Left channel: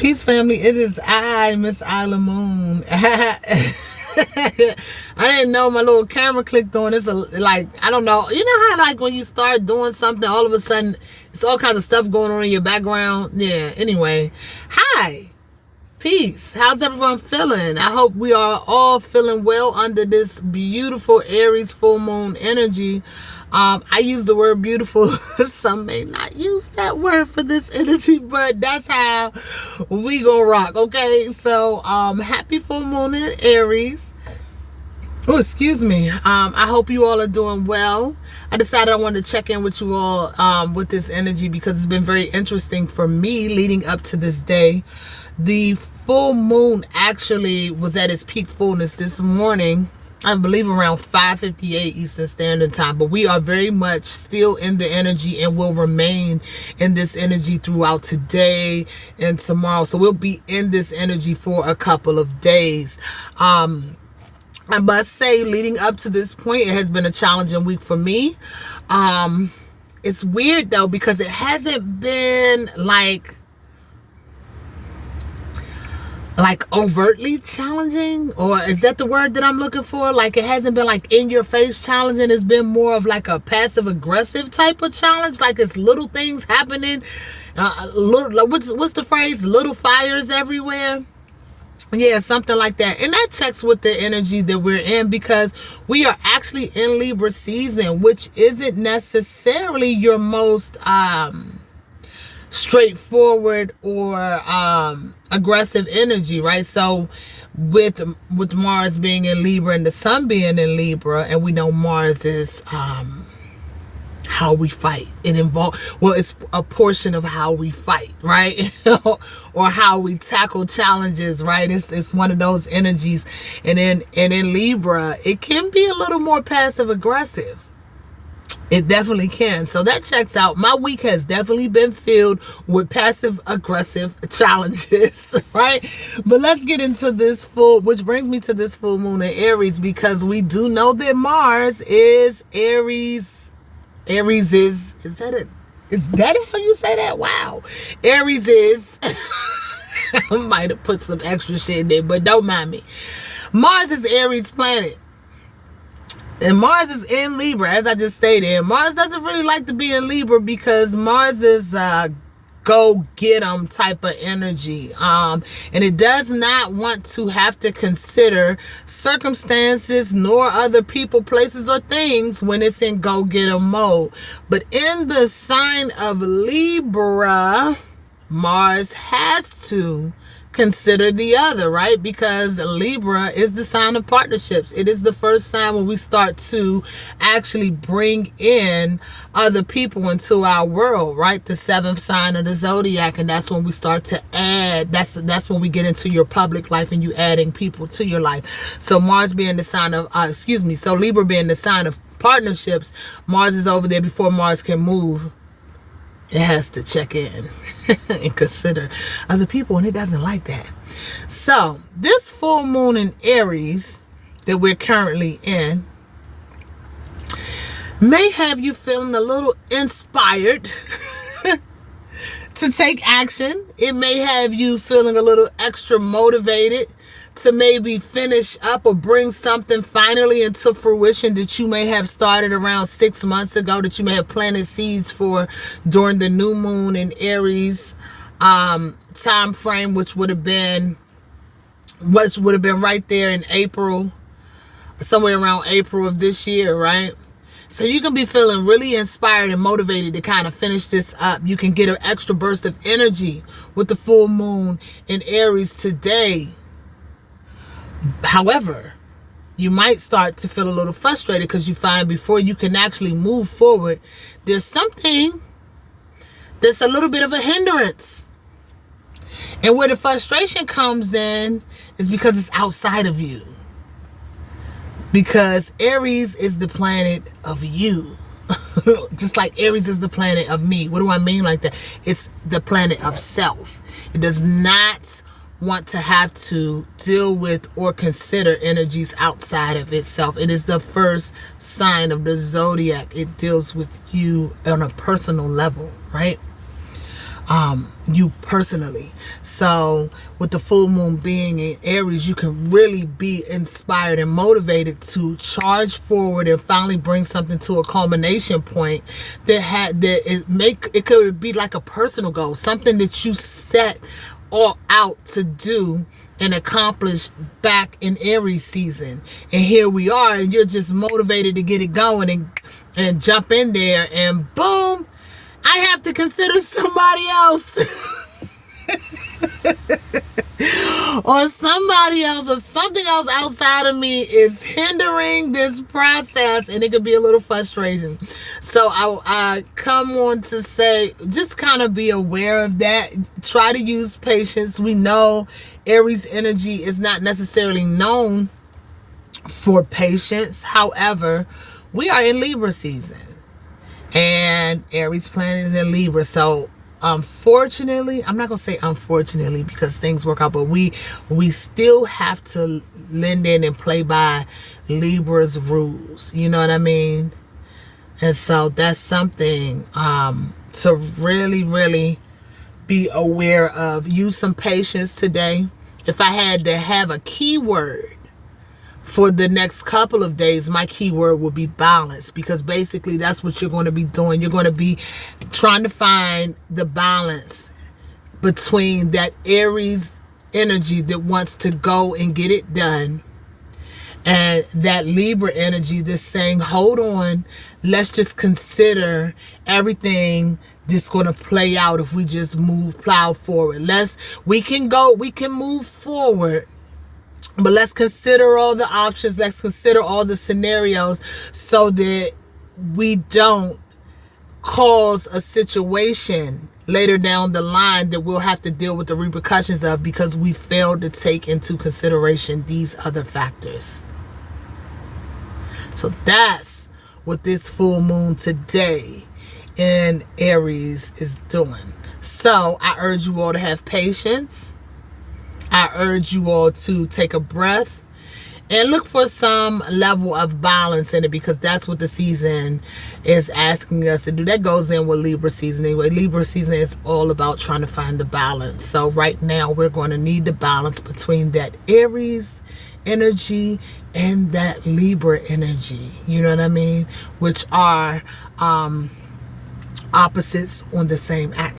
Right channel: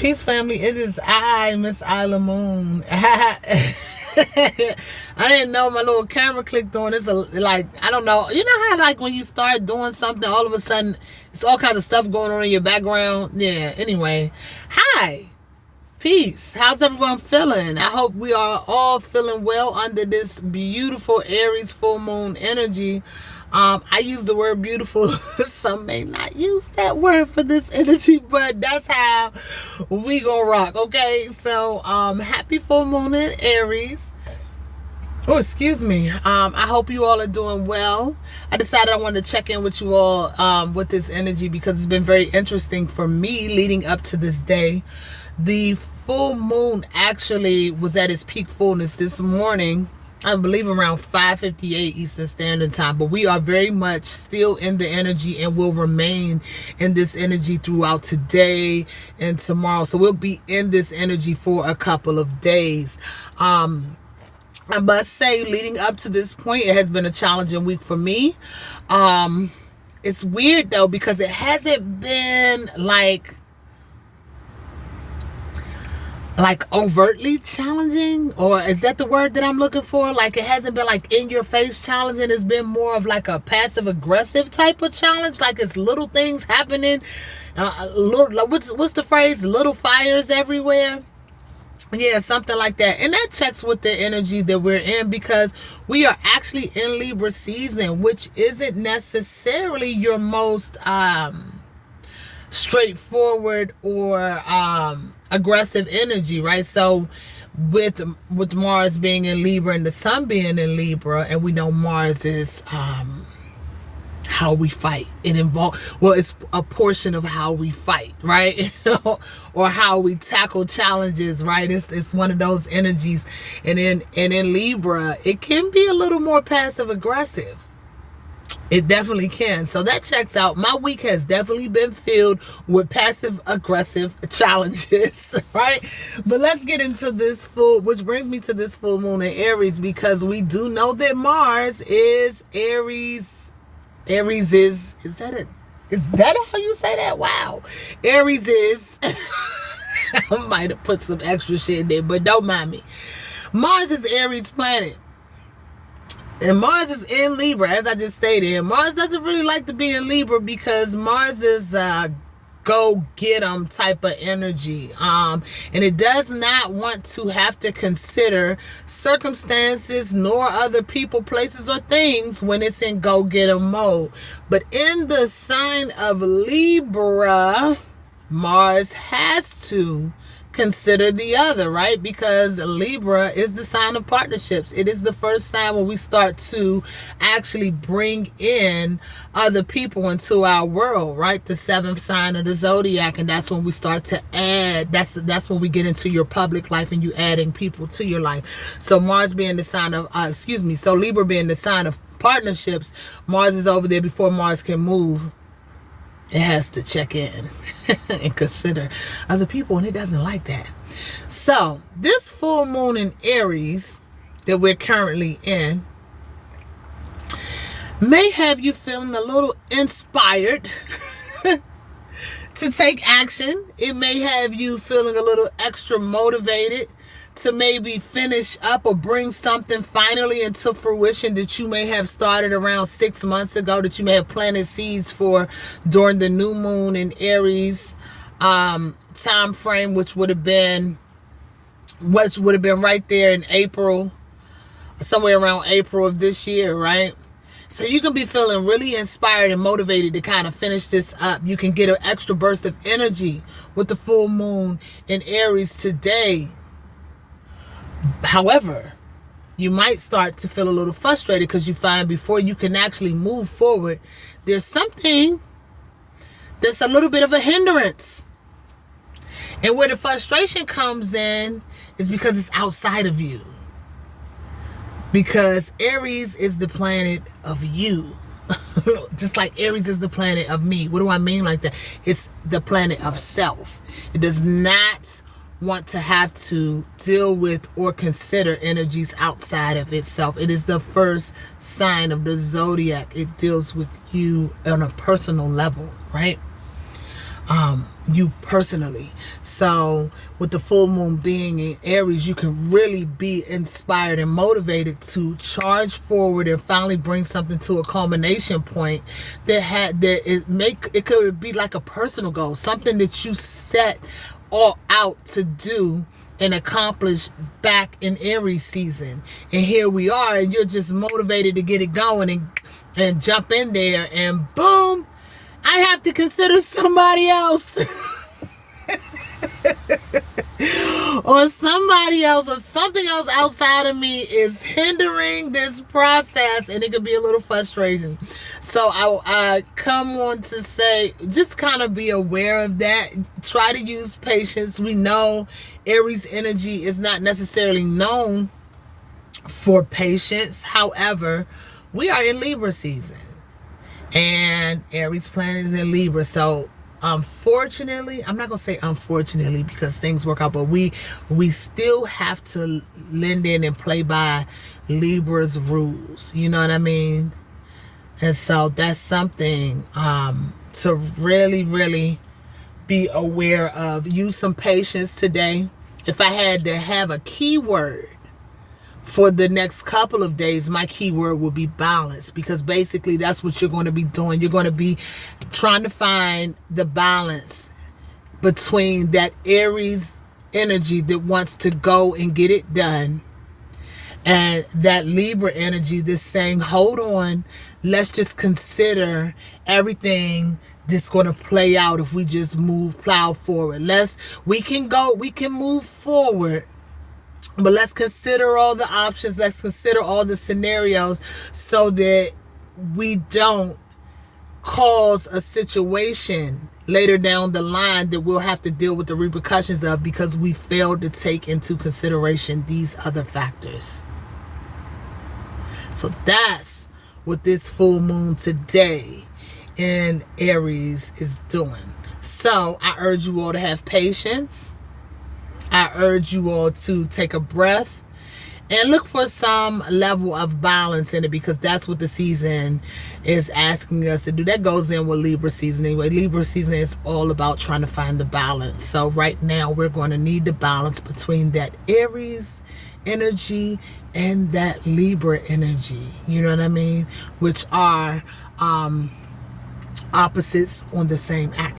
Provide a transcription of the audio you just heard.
Peace, family. It is I, Miss Iilah Moon. I didn't know my little camera clicked on. It's like, I don't know. You know how like when you start doing something, all of a sudden, it's all kinds of stuff going on in your background? Yeah, anyway. Hi. Peace. How's everyone feeling? I hope we are all feeling well under this beautiful Aries full moon energy. I use the word beautiful. Some may not use that word for this energy, but that's how we gonna rock. Okay, so happy full moon in Aries. Oh, excuse me. I hope you all are doing well. I decided I wanted to check in with you all with this energy because it's been very interesting for me leading up to this day. The full moon actually was at its peak fullness this morning, I believe around 5:58 Eastern Standard Time, but we are very much still in the energy and will remain in this energy throughout today and tomorrow. So we'll be in this energy for a couple of days. I must say, leading up to this point, it has been a challenging week for me. It's weird though, because it hasn't been like overtly challenging, or is that the word that I'm looking for? Like it hasn't been like in your face challenging. It's been more of like a passive aggressive type of challenge. Like it's little things happening. What's the phrase? Little fires everywhere. Yeah, something like that. And that checks with the energy that we're in, because we are actually in Libra season, which isn't necessarily your most straightforward or aggressive energy, right? So with Mars being in Libra and the Sun being in Libra, and we know Mars is how we fight. It's a portion of how we fight, right? Or how we tackle challenges, right? It's one of those energies. And in Libra, it can be a little more passive aggressive. It definitely can. So that checks out. My week has definitely been filled with passive aggressive challenges, right? But let's get into this which brings me to this full moon in Aries, because we do know that Mars is Aries. Aries is that how you say that? Wow. Aries is, I might have put some extra shit in there, but don't mind me. Mars is Aries planet. And Mars is in Libra, as I just stated. Mars doesn't really like to be in Libra because Mars is go get 'em type of energy. And it does not want to have to consider circumstances nor other people, places, or things when it's in go get 'em mode. But in the sign of Libra, Mars has to consider the other, right? Because Libra is the sign of partnerships. It is the first sign when we start to actually bring in other people into our world, right? The seventh sign of the zodiac, and that's when we start to add. That's when we get into your public life and you adding people to your life. So Mars being the sign of, so Libra being the sign of partnerships, Mars is over there before Mars can move. It has to check in and consider other people, and it doesn't like that. So this full moon in Aries that we're currently in may have you feeling a little inspired to take action. It may have you feeling a little extra motivated to maybe finish up or bring something finally into fruition that you may have started around 6 months ago, that you may have planted seeds for during the new moon in Aries time frame, which would have been right there in April, somewhere around April of this year, right? So you can be feeling really inspired and motivated to kind of finish this up. You can get an extra burst of energy with the full moon in Aries today. However, you might start to feel a little frustrated because you find before you can actually move forward, there's something that's a little bit of a hindrance. And where the frustration comes in is because it's outside of you. Because Aries is the planet of you. Just like Aries is the planet of me. What do I mean like that? It's the planet of self. It does not want to have to deal with or consider energies outside of itself. It is the first sign of the zodiac. It deals with you on a personal level, right? you personally. So with the full moon being in Aries, you can really be inspired and motivated to charge forward and finally bring something to a culmination point it could be like a personal goal, something that you set all out to do and accomplish back in Aries season. And here we are, and you're just motivated to get it going and jump in there, and boom, I have to consider somebody else. Or somebody else or something else outside of me is hindering this process, and it could be a little frustrating. So I come on to say, just kind of be aware of that. Try to use patience. We know Aries energy is not necessarily known for patience. However, we are in Libra season, and Aries planet is in Libra. So unfortunately, I'm not going to say unfortunately because things work out, but we still have to lend in and play by Libra's rules. You know what I mean? And so that's something to really, really be aware of. Use some patience today. If I had to have a keyword for the next couple of days, my keyword will be balance, because basically that's what you're going to be doing. You're going to be trying to find the balance between that Aries energy that wants to go and get it done and that Libra energy that's saying, hold on, let's just consider everything that's going to play out if we just plow forward. We can move forward, but let's consider all the options. Let's consider all the scenarios so that we don't cause a situation later down the line that we'll have to deal with the repercussions of because we failed to take into consideration these other factors. So that's what this full moon today in Aries is doing. So I urge you all to have patience. I urge you all to take a breath and look for some level of balance in it, because that's what the season is asking us to do. That goes in with Libra season anyway. Libra season is all about trying to find the balance. So right now we're going to need the balance between that Aries energy and that Libra energy. You know what I mean? Which are opposites on the same axis.